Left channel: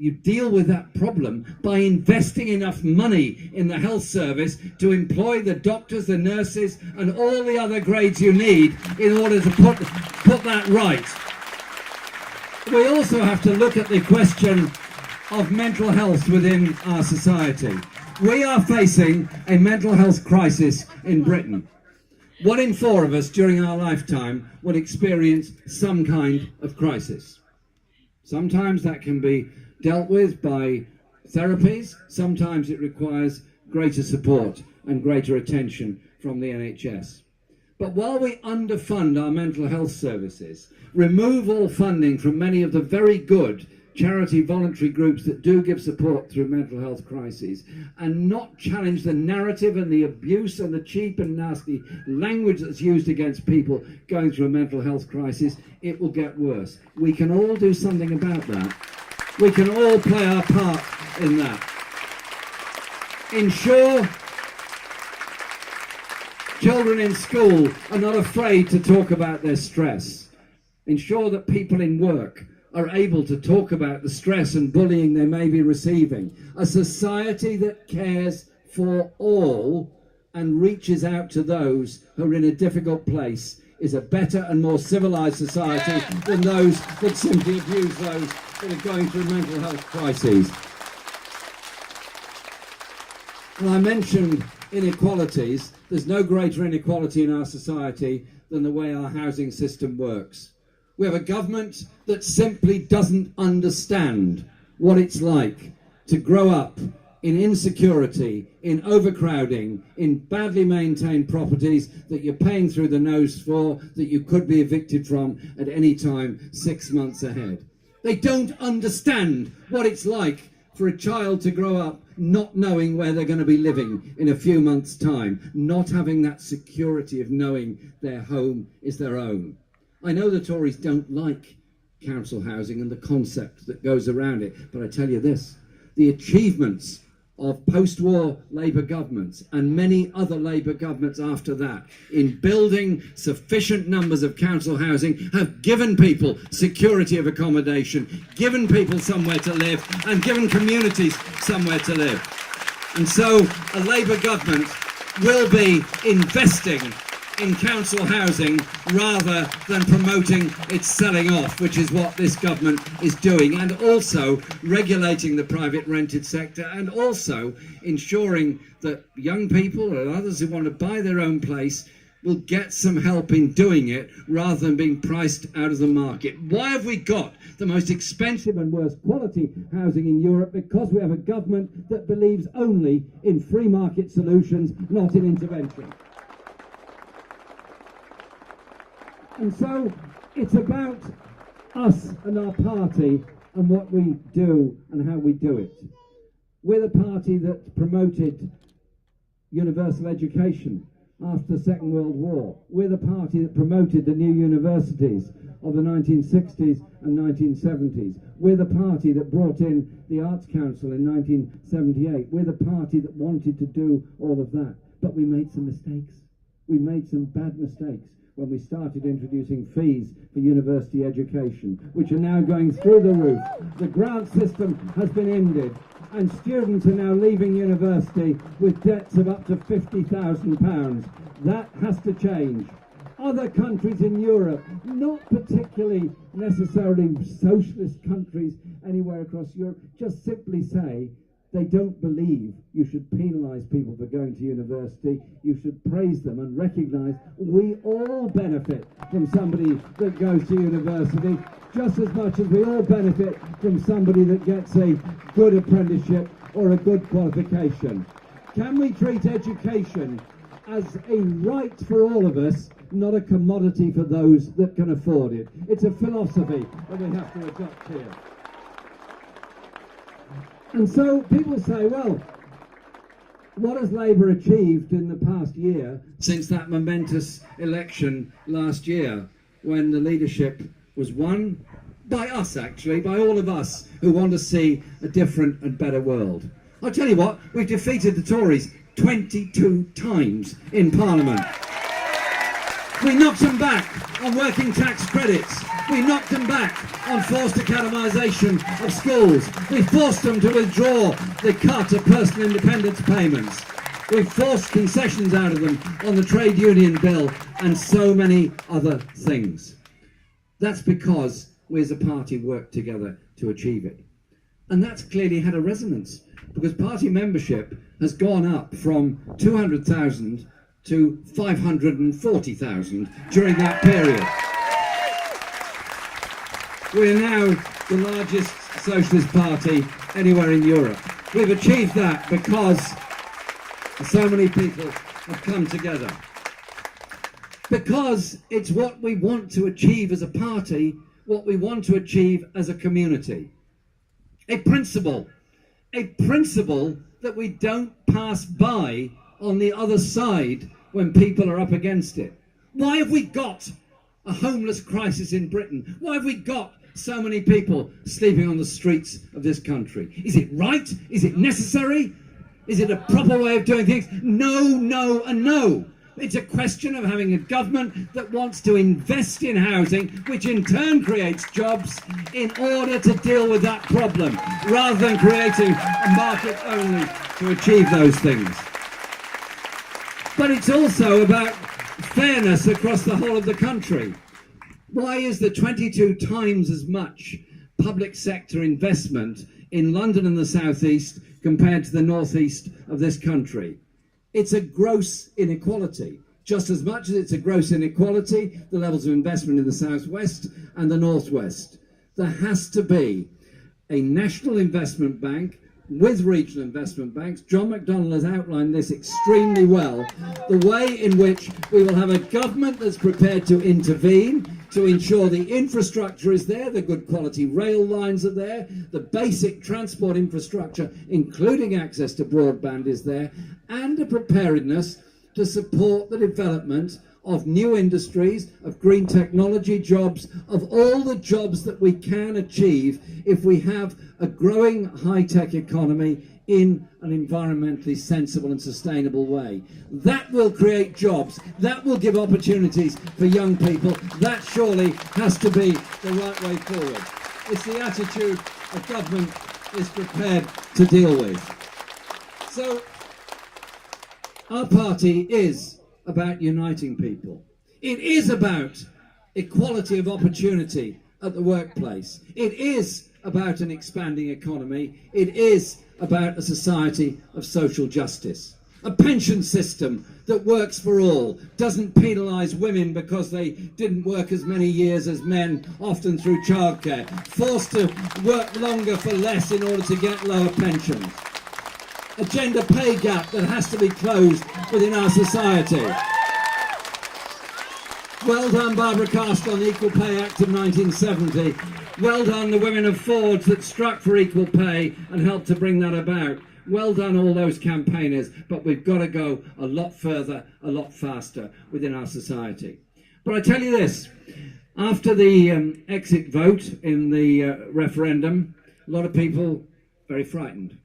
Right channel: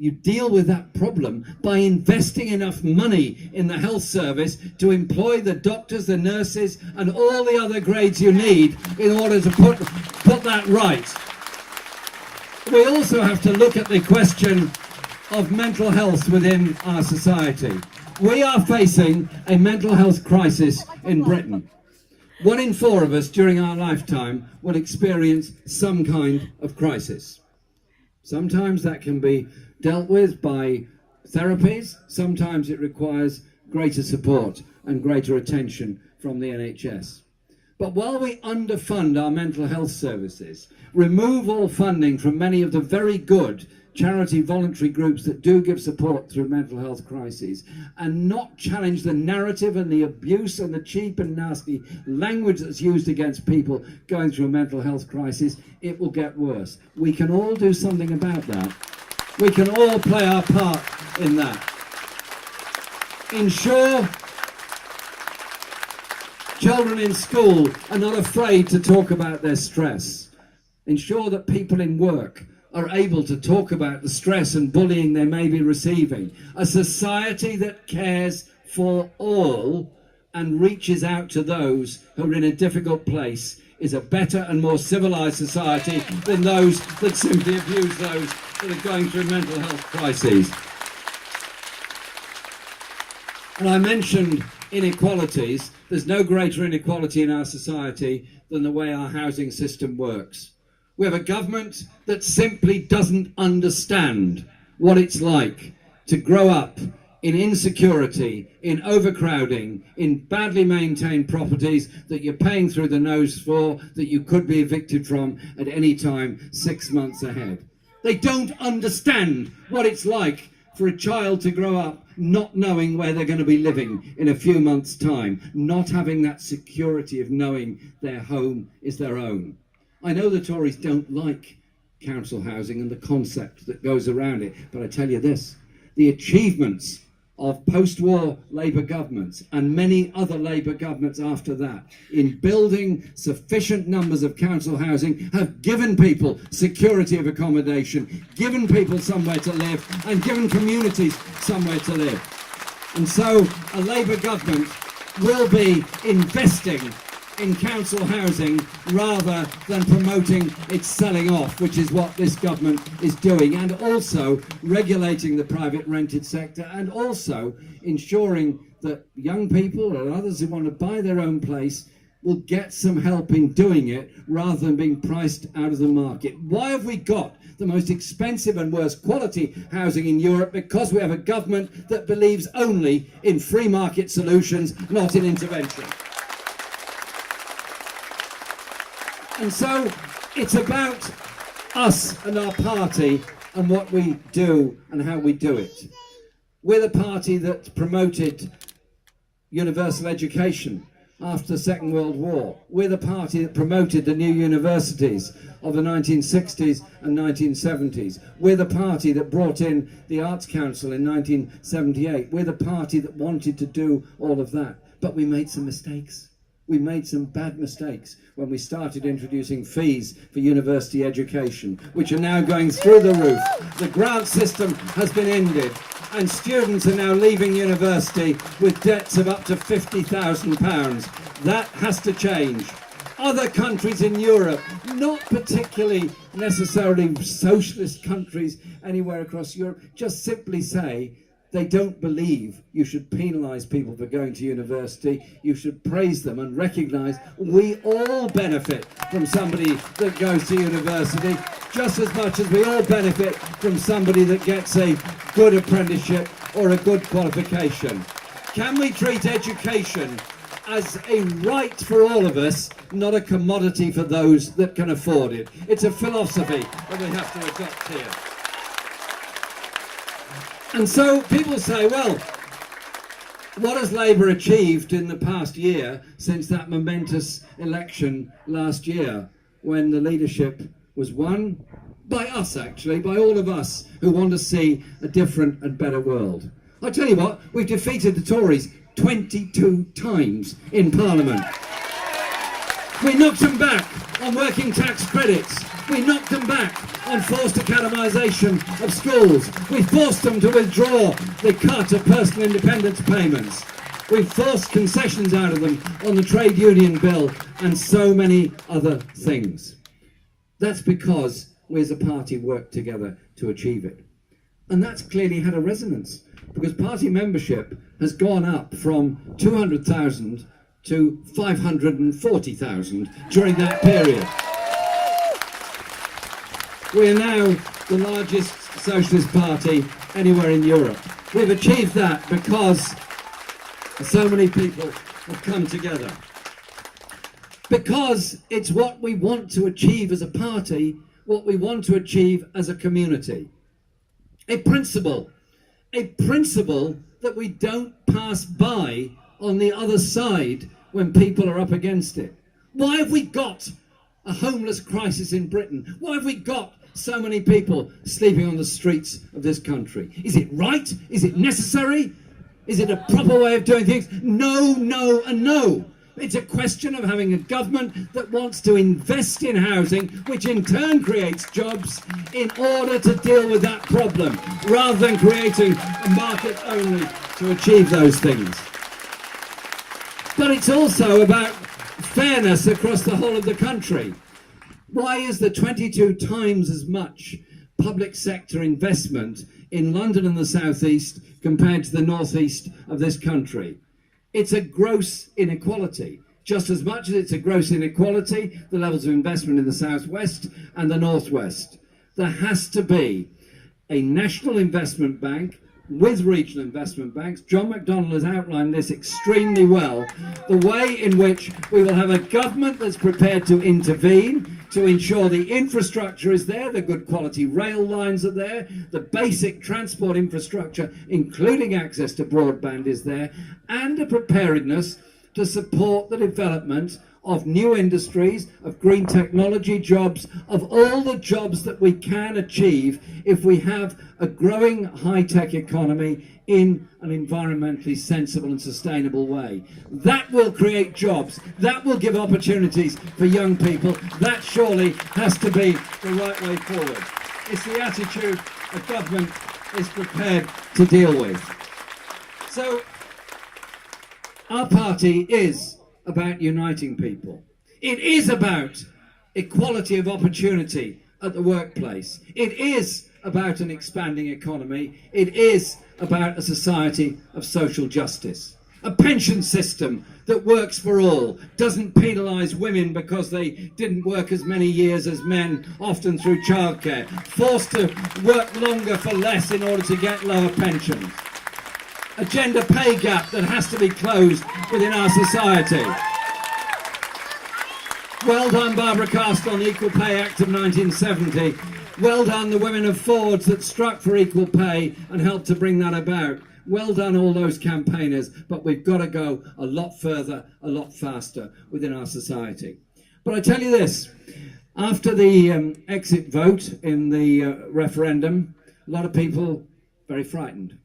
You deal with that problem by investing enough money in the health service to employ the doctors, the nurses, and all the other grades you need in order to put that right. We also have to look at the question of mental health within our society. We are facing a mental health crisis in Britain. 1 in 4 of us during our lifetime will experience some kind of crisis. Sometimes that can be dealt with by therapies, sometimes it requires greater support and greater attention from the NHS. But while we underfund our mental health services, remove all funding from many of the very good charity voluntary groups that do give support through mental health crises, and not challenge the narrative and the abuse and the cheap and nasty language that's used against people going through a mental health crisis, it will get worse. We can all do something about that. We can all play our part in that. Ensure children in school are not afraid to talk about their stress. Ensure that people in work are able to talk about the stress and bullying they may be receiving. A society that cares for all and reaches out to those who are in a difficult place is a better and more civilized society than those that simply abuse those that are going through mental health crises. And I mentioned inequalities. There's no greater inequality in our society than the way our housing system works. We have a government that simply doesn't understand what it's like to grow up in insecurity, in overcrowding, in badly maintained properties that you're paying through the nose for, that you could be evicted from at any time 6 months ahead. They don't understand what it's like for a child to grow up not knowing where they're going to be living in a few months' time, not having that security of knowing their home is their own. I know the Tories don't like council housing and the concept that goes around it, but I tell you this, the achievements of post-war Labour governments and many other Labour governments after that in building sufficient numbers of council housing have given people security of accommodation, given people somewhere to live, and given communities somewhere to live. And so a Labour government will be investing in council housing rather than promoting its selling off, which is what this government is doing, and also regulating the private rented sector, and also ensuring that young people or others who want to buy their own place will get some help in doing it rather than being priced out of the market. Why have we got the most expensive and worst quality housing in Europe? Because we have a government that believes only in free market solutions, not in intervention. And so it's about us and our party and what we do and how we do it. We're the party that promoted universal education after the Second World War. We're the party that promoted the new universities of the 1960s and 1970s. We're the party that brought in the Arts Council in 1978. We're the party that wanted to do all of that. But we made some mistakes. We made some bad mistakes when we started introducing fees for university education, which are now going through the roof. The grant system has been ended, and students are now leaving university with debts of up to £50,000. That has to change. Other countries in Europe, not particularly necessarily socialist countries anywhere across Europe, just simply say they don't believe you should penalise people for going to university. You should praise them and recognise we all benefit from somebody that goes to university just as much as we all benefit from somebody that gets a good apprenticeship or a good qualification. Can we treat education as a right for all of us, not a commodity for those that can afford it? It's a philosophy that we have to adopt here. And so people say, well, what has Labour achieved in the past year since that momentous election last year when the leadership was won by us, actually, by all of us who want to see a different and better world? I'll tell you what, we've defeated the Tories 22 times in Parliament. We knocked them back on working tax credits. We knocked them back on forced academisation of schools. We forced them to withdraw the cut of personal independence payments. We've forced concessions out of them on the trade union bill and so many other things. That's because we as a party worked together to achieve it. And that's clearly had a resonance, because party membership has gone up from 200,000 to 540,000 during that period. We're now the largest socialist party anywhere in Europe. We've achieved that because so many people have come together. Because it's what we want to achieve as a party, what we want to achieve as a community. A principle that we don't pass by on the other side when people are up against it. Why have we got a homeless crisis in Britain? Why have we got so many people sleeping on the streets of this country? Is it right? Is it necessary? Is it a proper way of doing things? No, no, and no. It's a question of having a government that wants to invest in housing, which in turn creates jobs in order to deal with that problem, rather than creating a market only to achieve those things. But it's also about fairness across the whole of the country. Why is there 22 times as much public sector investment in London and the South East compared to the North East of this country? It's a gross inequality. Just as much as it's a gross inequality, the levels of investment in the South West and the North West. There has to be a national investment bank with regional investment banks. John McDonnell has outlined this extremely well. The way in which we will have a government that's prepared to intervene, to ensure the infrastructure is there, the good quality rail lines are there, the basic transport infrastructure, including access to broadband, is there, and a preparedness to support the development of new industries, of green technology jobs, of all the jobs that we can achieve if we have a growing high-tech economy in an environmentally sensible and sustainable way. That will create jobs. That will give opportunities for young people. That surely has to be the right way forward. It's the attitude the government is prepared to deal with. So, our party is about uniting people. It is about equality of opportunity at the workplace. It is about an expanding economy. It is about a society of social justice. A pension system that works for all, doesn't penalise women because they didn't work as many years as men, often through childcare, forced to work longer for less in order to get lower pensions. A gender pay gap that has to be closed within our society. Well done, Barbara Castle, on the Equal Pay Act of 1970. Well done, the women of Forwards that struck for equal pay and helped to bring that about. Well done, all those campaigners, but we've got to go a lot further, a lot faster within our society. But I tell you this, after the exit vote in the referendum, a lot of people very frightened,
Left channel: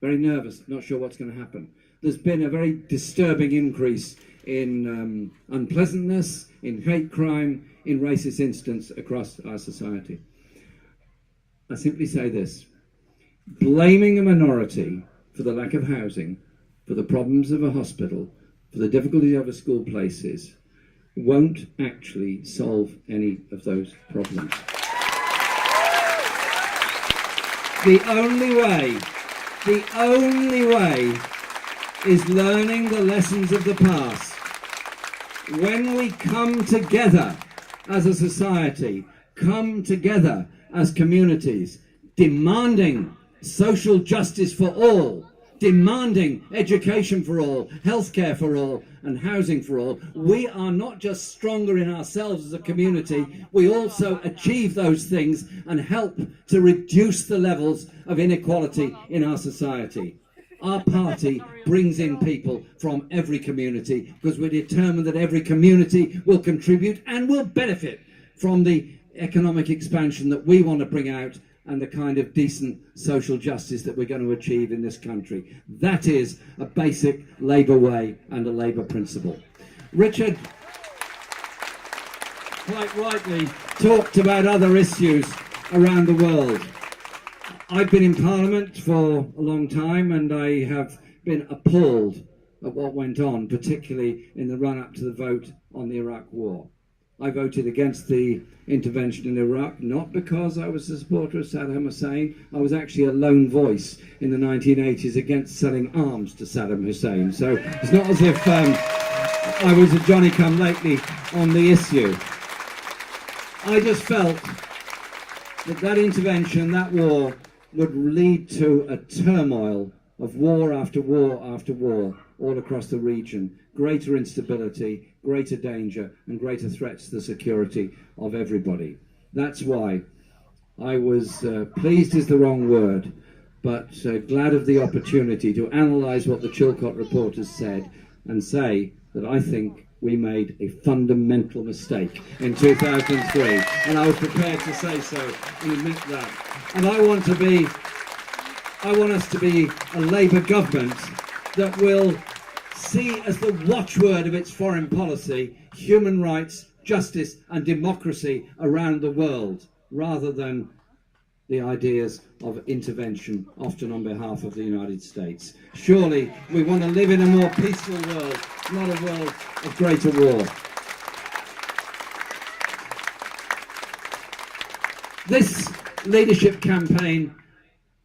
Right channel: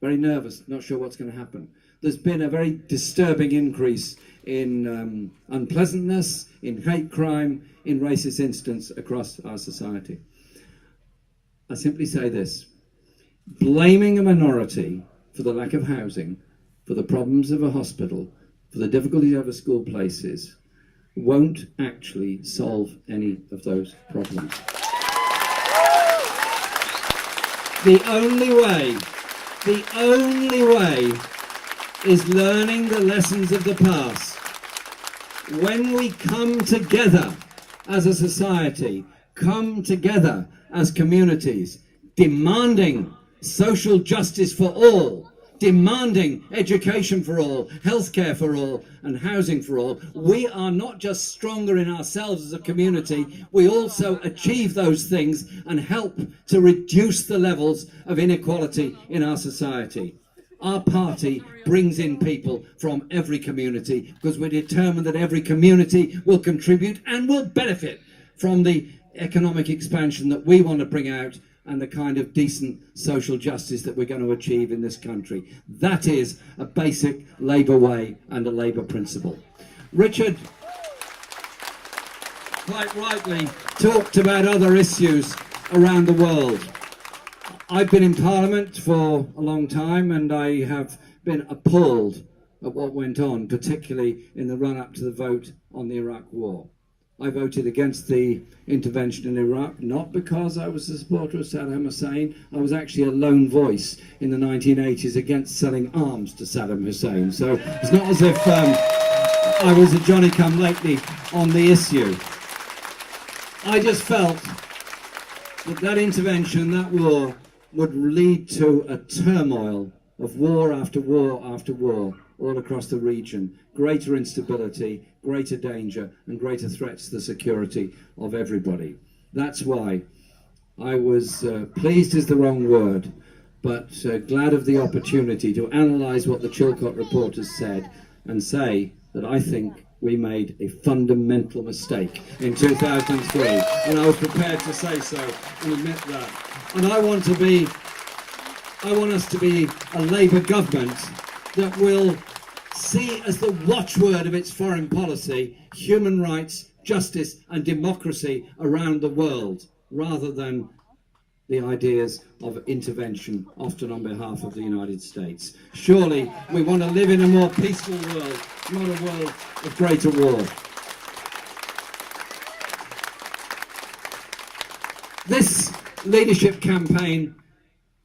very nervous, not sure what's going to happen. There's been a very disturbing increase in unpleasantness, in hate crime, in racist incidents across our society. I simply say this: blaming a minority for the lack of housing, for the problems of a hospital, for the difficulties of school places, won't actually solve any of those problems. The only way is learning the lessons of the past. When we come together as a society, come together as communities, demanding social justice for all, demanding education for all, healthcare for all, and housing for all, we are not just stronger in ourselves as a community, we also achieve those things and help to reduce the levels of inequality in our society. Our party brings in people from every community because we're determined that every community will contribute and will benefit from the economic expansion that we want to bring out and the kind of decent social justice that we're going to achieve in this country. That is a basic Labour way and a Labour principle. Richard quite rightly talked about other issues around the world. I've been in Parliament for a long time, and I have been appalled at what went on, particularly in the run-up to the vote on the Iraq war. I voted against the intervention in Iraq, not because I was a supporter of Saddam Hussein. I was actually a lone voice in the 1980s against selling arms to Saddam Hussein. So it's not as if I was a Johnny-come-lately on the issue. I just felt that that intervention, that war, would lead to a turmoil of war after war after war all across the region, greater instability, greater danger, and greater threats to the security of everybody. That's why I was pleased is the wrong word, but glad of the opportunity to analyse what the Chilcot report has said and say that I think we made a fundamental mistake in 2003, and I was prepared to say so and admit that. And I want us to be a Labour government that will see as the watchword of its foreign policy human rights, justice and democracy around the world, rather than the ideas of intervention, often on behalf of the United States. Surely we want to live in a more peaceful world, not a world of greater war. This leadership campaign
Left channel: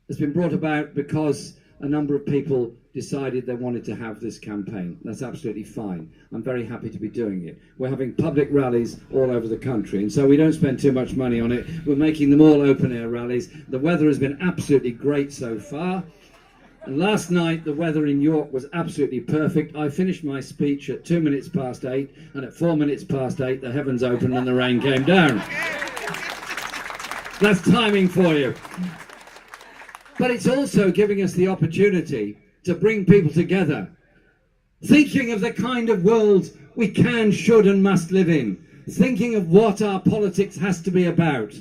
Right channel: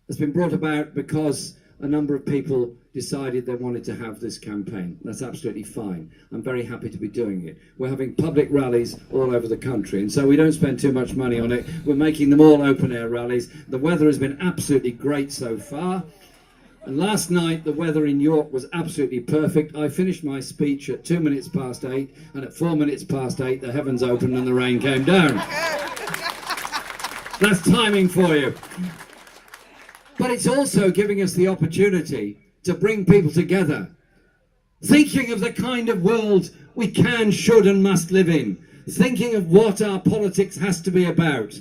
has been brought about because a number of people decided they wanted to have this campaign. That's absolutely fine. I'm very happy to be doing it. We're having public rallies all over the country, and so we don't spend too much money on it. We're making them all open-air rallies. The weather has been absolutely great so far. And last night, the weather in York was absolutely perfect. I finished my speech at 8 minutes, and at 8:04, the heavens opened and the rain came down. That's timing for you. But it's also giving us the opportunity to bring people together, thinking of the kind of world we can, should and must live in, thinking of what our politics has to be about.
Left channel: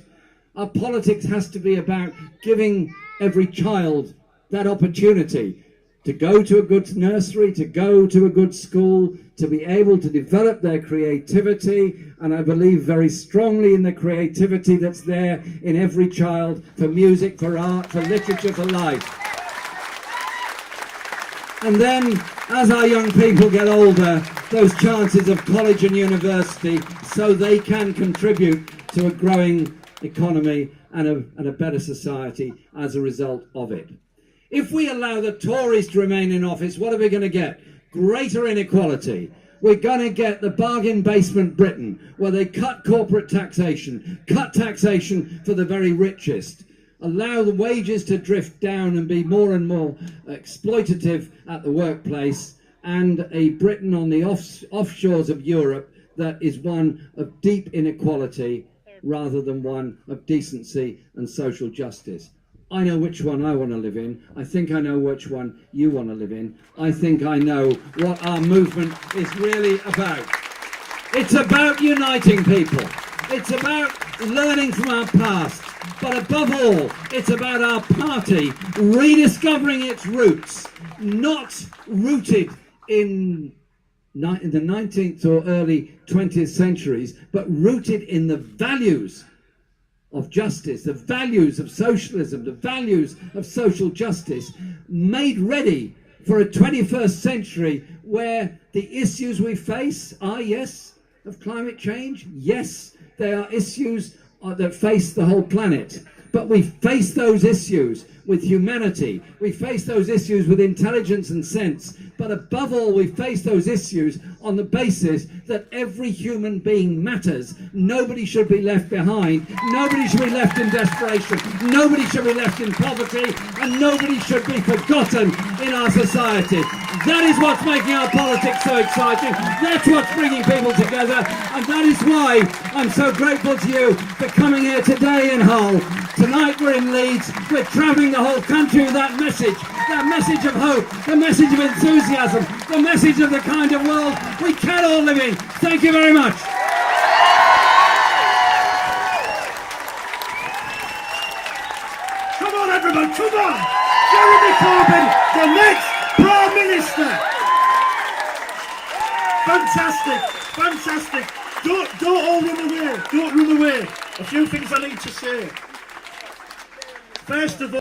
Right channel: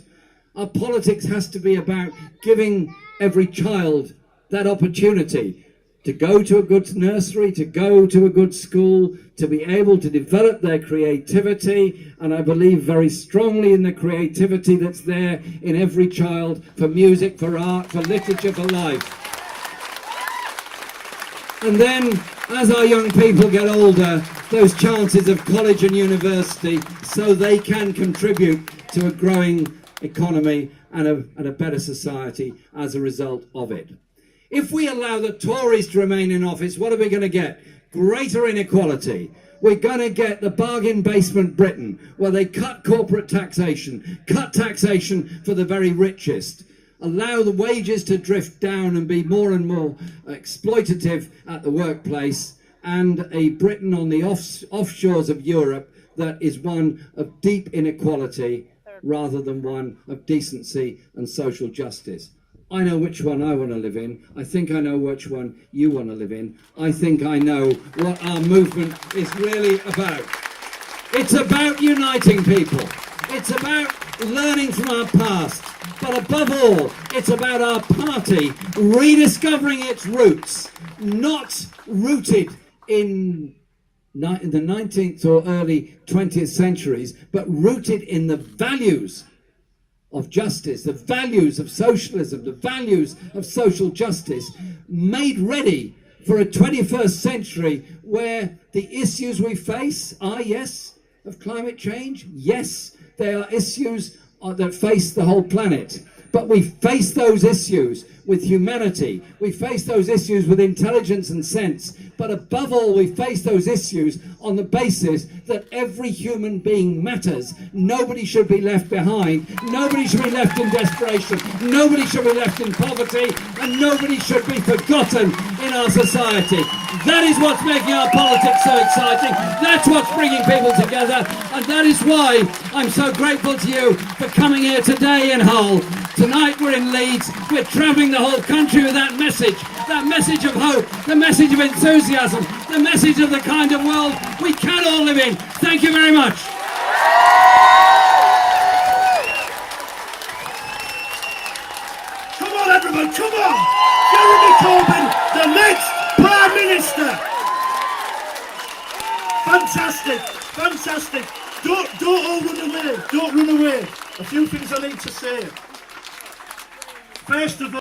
Our politics has to be about giving every child that opportunity to go to a good nursery, to go to a good school, to be able to develop their creativity. And I believe very strongly in the creativity that's there in every child, for music, for art, for literature, for life. And then, as our young people get older, those chances of college and university, so they can contribute to a growing economy and a better society as a result of it. If we allow the Tories to remain in office, what are we going to get? Greater inequality. We're going to get the bargain basement Britain, where they cut corporate taxation, cut taxation for the very richest, allow the wages to drift down and be more and more exploitative at the workplace, and a Britain on the offshores of Europe that is one of deep inequality rather than one of decency and social justice. I know which one I want to live in. I think I know which one you want to live in. I think I know what our movement is really about. It's about uniting people. It's about learning from our past. But above all, it's about our party rediscovering its roots, not rooted in the 19th or early 20th centuries, but rooted in the values of justice, the values of socialism, the values of social justice, made ready for a 21st century where the issues we face are, yes, of climate change. Yes, they are issues that face the whole planet. But we face those issues with humanity. We face those issues with intelligence and sense. But above all, we face those issues on the basis that every human being matters. Nobody should be left behind. Nobody should be left in desperation. Nobody should be left in poverty. And nobody should be forgotten in our society. That is what's making our politics so exciting. That's what's bringing people together. And that is why I'm so grateful to you for coming here today in Hull. Tonight we're in Leeds. We're travelling the whole country with that message of hope, the message of enthusiasm, the message of the kind of world we can all live in. Thank you very much. Come on, everyone, come on! Jeremy Corbyn, the next Prime Minister! Fantastic, fantastic. Don't all run away. Don't run away. A few things I need to say. First of all,